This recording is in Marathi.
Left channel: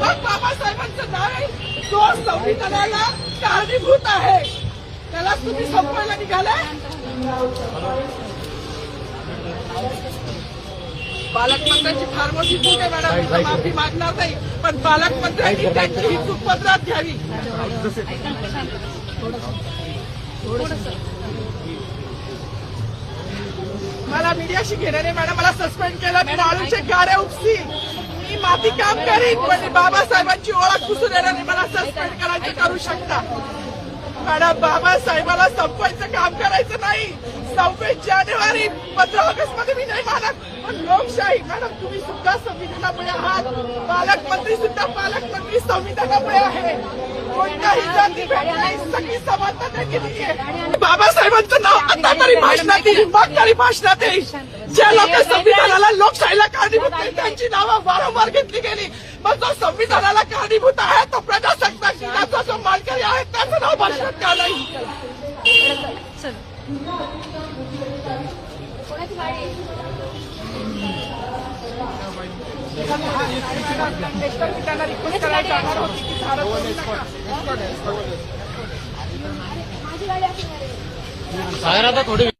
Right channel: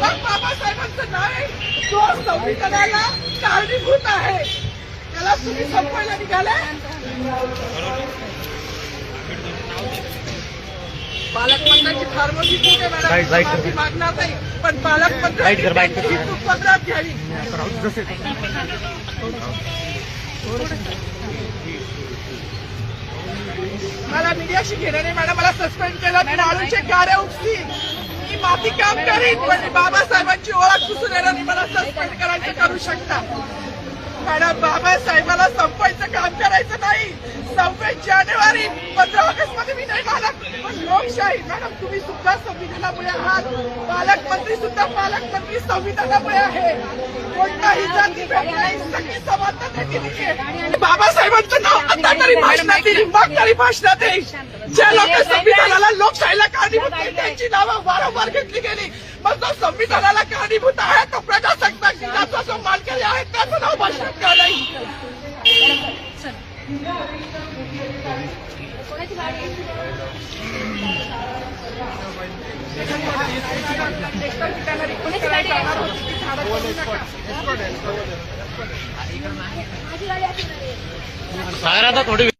मग बाबासाहेबांचं नाव आहे जो संविधानाला कारणीभूत आहे त्याला तुम्ही संपवायला निघालाय. पालकमंत्र्यांची फार मोठी चूक आहे मॅडम, माफी मागणार नाही, पण पालकमंत्र्यांची चूक पदरात घ्यावी. मला मीडियाशी घेणं नाही मॅडम, मला सस्पेंड केलं, मी माळूचे गाड्या उपसी, मी माफी काम करीन, पण बाबासाहेबांची ओळख पुसून येणार मला सस्पेंड करायचं करू शकता मॅडम. बाबासाहेबाला संपवायचं काम करायचं नाही. 26 जानेवारी 15 ऑगस्ट मध्ये मी नाही मानत, पण लोकशाही मॅडम तुम्ही सुद्धा संविधानामुळे आहात, पालकमंत्री सुद्धा पालकमंत्री संविधानामुळे आहे. कोणताही जातीभेद नाही, सगळी समानता दिली आहे. बाबासाहेबांचं नाव आता तरी भाषणात येईल, मग तरी भाषणात येईल. ज्या लोक संविधानाला लोकशाहीला कारणीभूत नाही त्यांची नावं वारंवार घेतली गेली, मग जो संविधानाला कारणीभूत आहे तो प्रजासत्ताक दिनाचा जो मानकरी आहे त्याचं नाव भाषणात का नाही. थोडी